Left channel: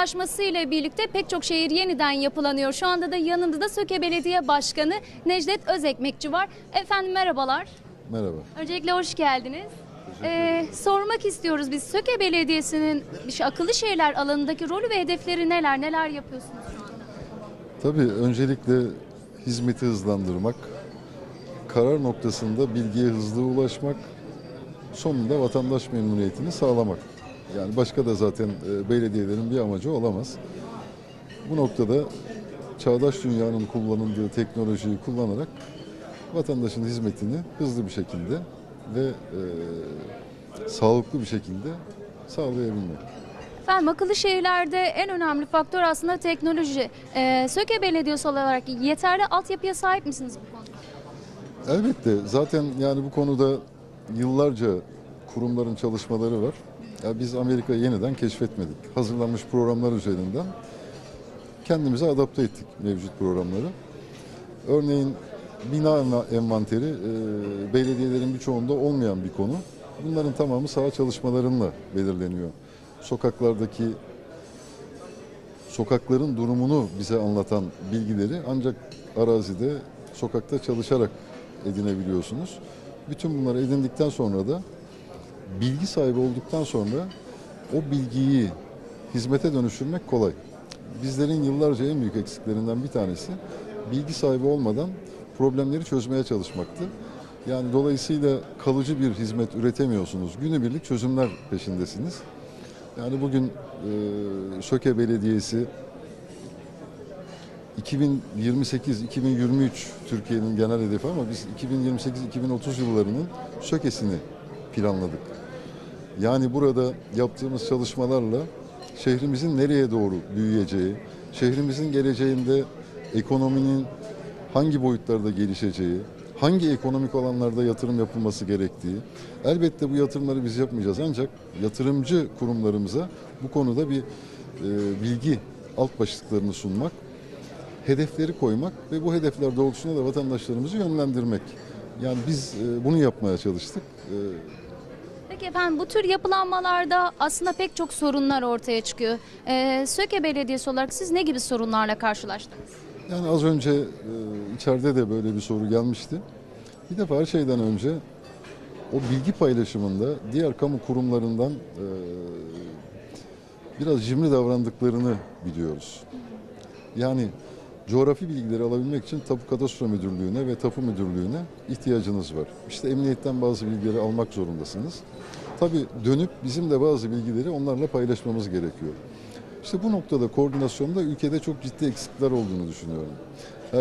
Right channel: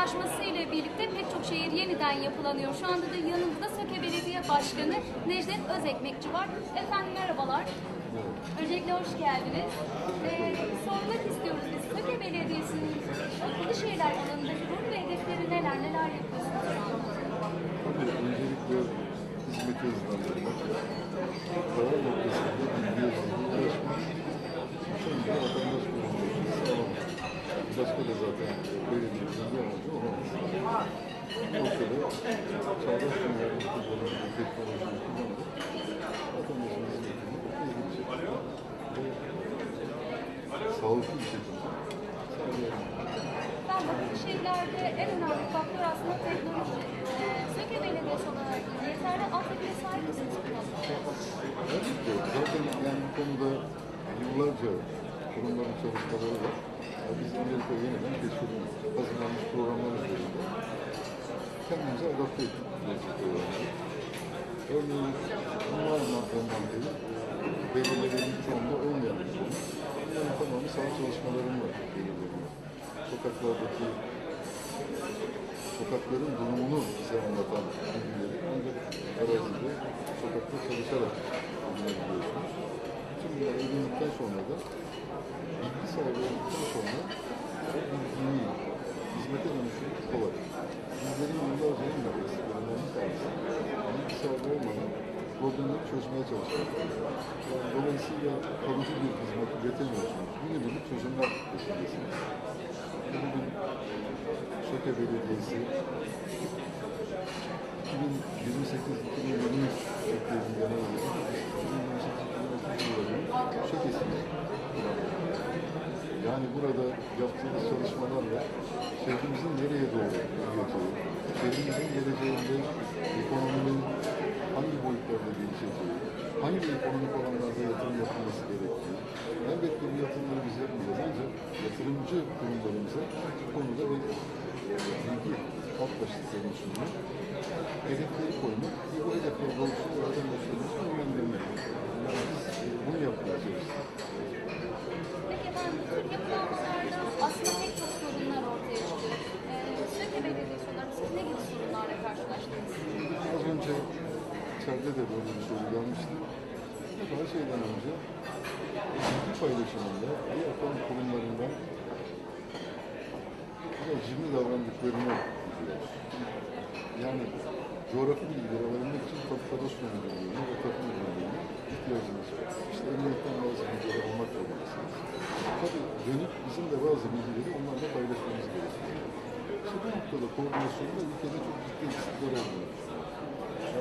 yaygınlaşması ile birlikte pek çok şehir yeniden yapılanıyor. Şu anda da yanında da Söke Belediye Başkanı Necdet Özekmekçi var. Efendim merhabalar. Merhaba. Öncelikle hoş geldiniz. Ee, sormak istiyoruz biz Söke Belediyesi'nin şu akıllı şehirler alanındaki rolü ve hedefleri neler, neler yapıyorsunuz? Tabii öncelikle hizmeti hızlandırmak, karar noktasında bilgiye hızlı ulaşmak, sonunda vatandaş memnuniyetini sağlamak. Yani başka da zaten e, belediyelerin bir amacı olamaz. Bu noktada çağdaş dünyanın kullanıldığı teknolojiyi kullanarak vatandaşın hizmetini hızlı bir şekilde ve e, sağlıklı bir şekilde sağlayabilmek. Efendim akıllı şehirlerde en önemli faktör aslında teknoloji. Ee, Söke Belediyesi olarak yeterli altyapıya sahip misiniz? Elbette. Zaten yani bu konuda yıllarca kurumların çalışmaları var. Ya biz Amerika'yı yeniden keşfetmedik. Hazırlanmış programlar üzerinden kendimize adapte ettik mevcut programları. Örneğin bina enva- envanteri e, belediyelerin birçoğunda olmayan bir konu. Bunların tamamı saha çalışmalarıyla belirleniyor. Sokaklardaki sokakların durumunu bize anlatan bilgileri ancak arazide, sokakta çalışarak edinebiliyorsunuz. Bütün bunları edindikten sonra da bilgi sahibi olduktan sonra o bilgiyi hizmete dönüştürmek kolay. Bizlerin yıllarca en büyük eksiklerinden bir tanesi bilgi sahibi olmadan problemleri çözmeye çalışmaktı. Yani dolayısıyla kalıcı bir hizmet üretemiyorsunuz. Günübirlik çözümler peşindesiniz. Yani bugün e, Söke Belediyesi 2028-2023 Türkiye'nin genel hedefi ama biz 2028-2030 yıllarının Söke'sini planladık. Yani burada yaptığımız çalışmalarla şehrimizin nereye doğru büyüyeceği, şehrimizin geleceğinde ekonominin hangi boyutlarda gelişeceği, hangi ekonomik alanlarda yatırım yapılması gerektiği, elbette bu yatırımları biz yapmayacağız ancak yatırımcı kurumlarımıza bu konuda bir e, bilgi alt başlıklarını sunmak, hedefleri koymak ve bu hedefler doğrultusunda da vatandaşlarımızı yönlendirmek. Yani biz e, bunu yapmaya çalıştık. E, Peki efendim bu tür yapılanmalarda aslında pek çok sorunlar ortaya çıkıyor. Ee, Söke Belediyesi olarak siz ne gibi sorunlarla karşılaştınız? Yani az önce e, içeride de böyle bir soru gelmişti. Bir defa her şeyden önce o bilgi paylaşımında diğer kamu kurumlarından e, biraz cimri davrandıklarını biliyoruz. Yani coğrafi bilgileri alabilmek için Tapu Kadastro Müdürlüğü'ne ve Tapu Müdürlüğü'ne ihtiyacınız var. İşte emniyetten bazı bilgileri almak zorundasınız. Tabii dönüp bizim de bazı bilgileri onlarla paylaşmamız gerekiyor. İşte bu noktada koordinasyonda ülkede çok ciddi eksikler olduğunu düşünüyorum. Ee,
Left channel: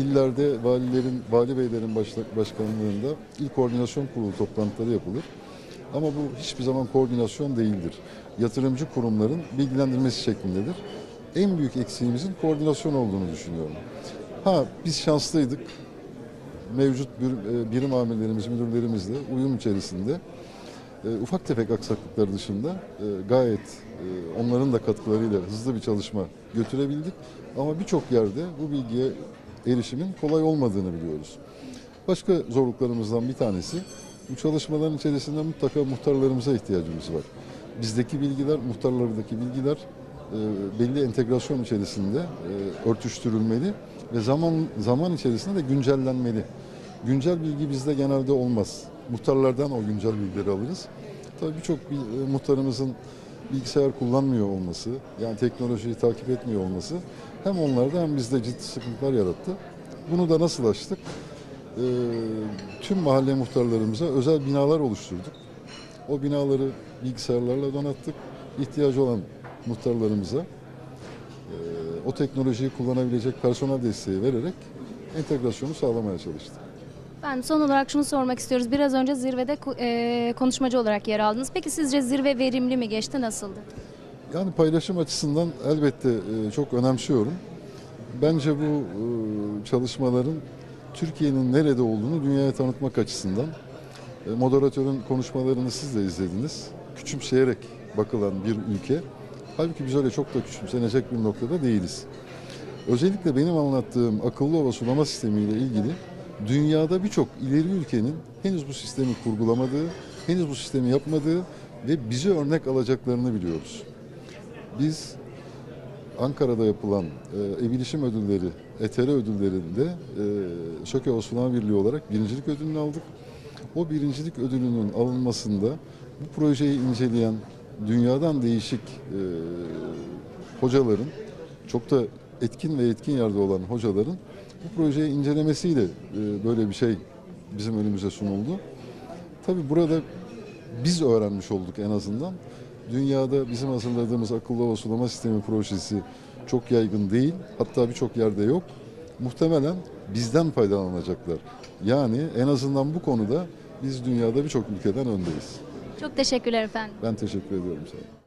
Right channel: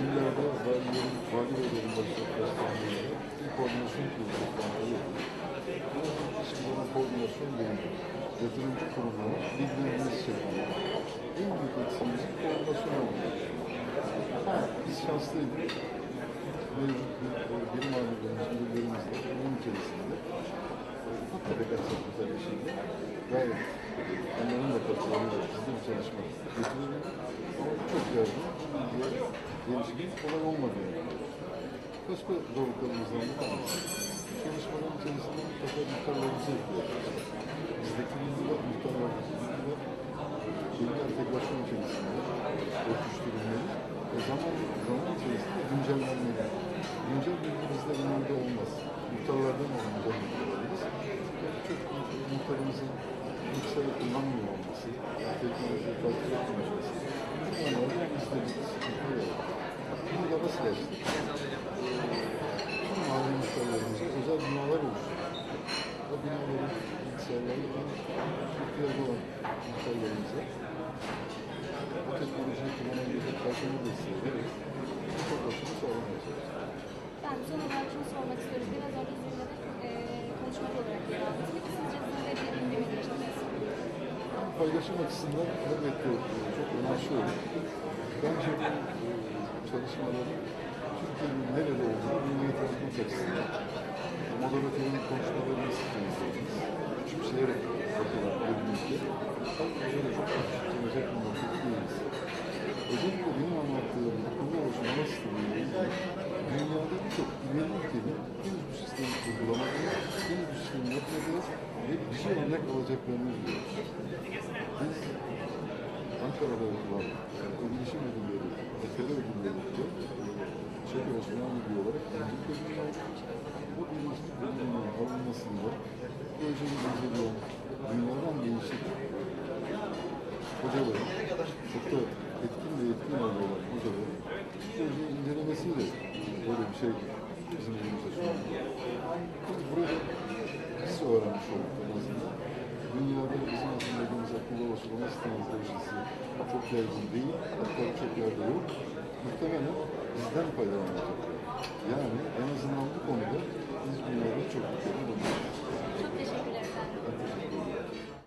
illerde valilerin, vali beylerin başkanlığında ilk koordinasyon kurulu toplantıları yapılır. Ama bu hiçbir zaman koordinasyon değildir. Yatırımcı kurumların bilgilendirmesi şeklindedir. En büyük eksiğimizin koordinasyon olduğunu düşünüyorum. Ha biz şanslıydık. Mevcut bir, e, birim amirlerimiz, müdürlerimizle uyum içerisinde e, ufak tefek aksaklıklar dışında e, gayet e, onların da katkılarıyla hızlı bir çalışma götürebildik. Ama birçok yerde bu bilgiye erişimin kolay olmadığını biliyoruz. Başka zorluklarımızdan bir tanesi bu çalışmaların içerisinde mutlaka muhtarlarımıza ihtiyacımız var. Bizdeki bilgiler, muhtarlardaki bilgiler belli entegrasyon içerisinde e, örtüştürülmeli ve zaman zaman içerisinde güncellenmeli. Güncel bilgi bizde genelde olmaz. Muhtarlardan o güncel bilgileri alırız. Tabii birçok bir- e, muhtarımızın bilgisayar kullanmıyor olması, yani teknolojiyi takip etmiyor olması hem onlarda hem bizde ciddi sıkıntılar yarattı. Bunu da nasıl açtık? Ee, tüm mahalle muhtarlarımıza özel binalar oluşturduk. O binaları bilgisayarlarla donattık. İhtiyacı olan muhtarlarımıza o teknolojiyi kullanabilecek personel desteği vererek entegrasyonu sağlamaya çalıştık. Ben son olarak şunu sormak istiyoruz. Biraz önce zirvede e, konuşmacı olarak yer aldınız. Peki sizce zirve verimli mi geçti, nasıl? Yani paylaşım açısından elbette e, çok önemsiyorum. Bence bu e, çalışmaların Türkiye'nin nerede olduğunu dünyaya tanıtmak açısından e, moderatörün konuşmalarını siz de izlediniz. Küçümseyerek bakılan bir ülke. Halbuki biz öyle çok da küçümsenecek bir noktada değiliz. Özellikle benim anlattığım akıllı ova sulama sistemiyle ilgili dünyada birçok ileri ülkenin henüz bu sistemi kurgulamadığı, henüz bu sistemi yapmadığı ve bize örnek alacaklarını biliyoruz. Biz Ankara'da yapılan e, ev bilişim ödülleri, ETR ödüllerinde e, Şöke Osman Birliği olarak birincilik ödülünü aldık. O birincilik ödülünün alınmasında bu projeyi inceleyen dünyadan değişik e, hocaların, çok da etkin ve etkin yerde olan hocaların bu projeyi incelemesiyle e, böyle bir şey bizim önümüze sunuldu. Tabii burada biz öğrenmiş olduk en azından. Dünyada bizim hazırladığımız akıllı hava sulama sistemi projesi çok yaygın değil. Hatta birçok yerde yok. Muhtemelen bizden faydalanacaklar. Yani en azından bu konuda biz dünyada birçok ülkeden öndeyiz. Çok teşekkürler efendim. Ben teşekkür ediyorum.